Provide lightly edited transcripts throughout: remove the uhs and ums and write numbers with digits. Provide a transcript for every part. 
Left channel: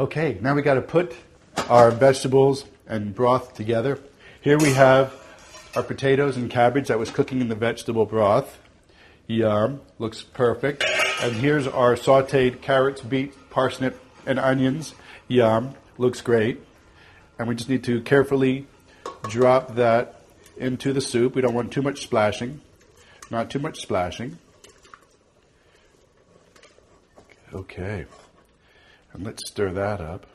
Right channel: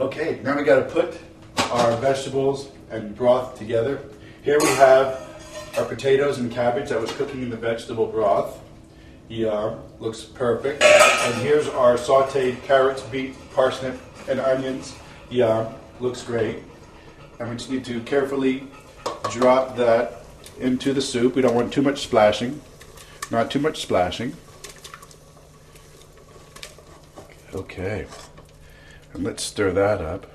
Okay, now we got to put our vegetables and broth together. Here we have our potatoes and cabbage that was cooking in the vegetable broth. Yum, looks perfect. And here's our sauteed carrots, beet, parsnip, and onions. Yum, looks great. And we just need to carefully drop that into the soup. We don't want too much splashing. Not too much splashing. Okay. And let's stir that up.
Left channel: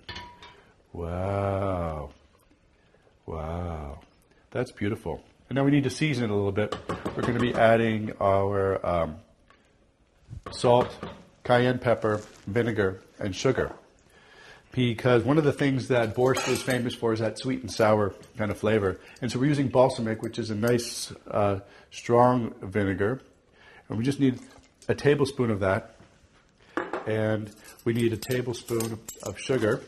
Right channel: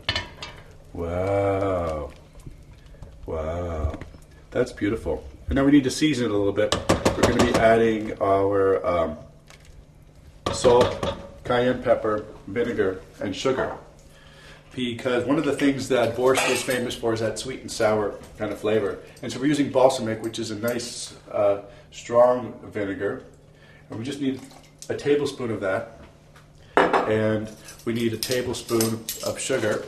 Wow. Wow. That's beautiful. And now we need to season it a little bit. We're going to be adding our salt, cayenne pepper, vinegar, and sugar. Because one of the things that borscht is famous for is that sweet and sour kind of flavor. And so we're using balsamic, which is a nice, strong vinegar. And we just need a tablespoon of that. And we need a tablespoon of sugar.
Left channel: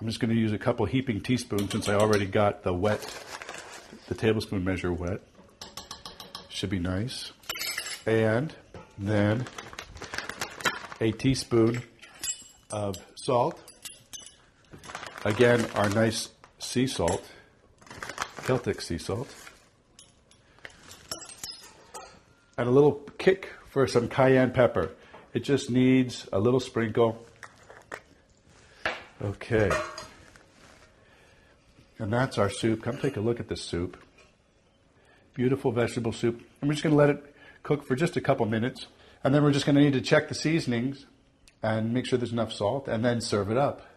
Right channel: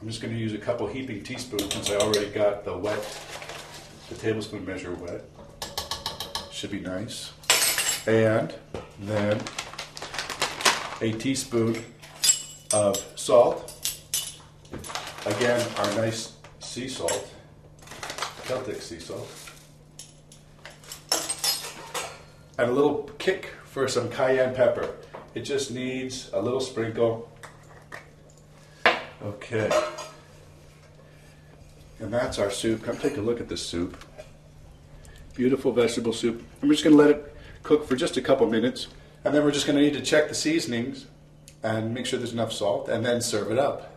I'm just going to use a couple heaping teaspoons since I already got the tablespoon measure wet. Should be nice. And then a teaspoon of salt. Again, our nice sea salt, Celtic sea salt. And a little kick for some cayenne pepper. It just needs a little sprinkle. Okay. And that's our soup. Come take a look at this soup. Beautiful vegetable soup. I'm just going to let it cook for just a couple minutes. And then we're just going to need to check the seasonings and make sure there's enough salt and then serve it up.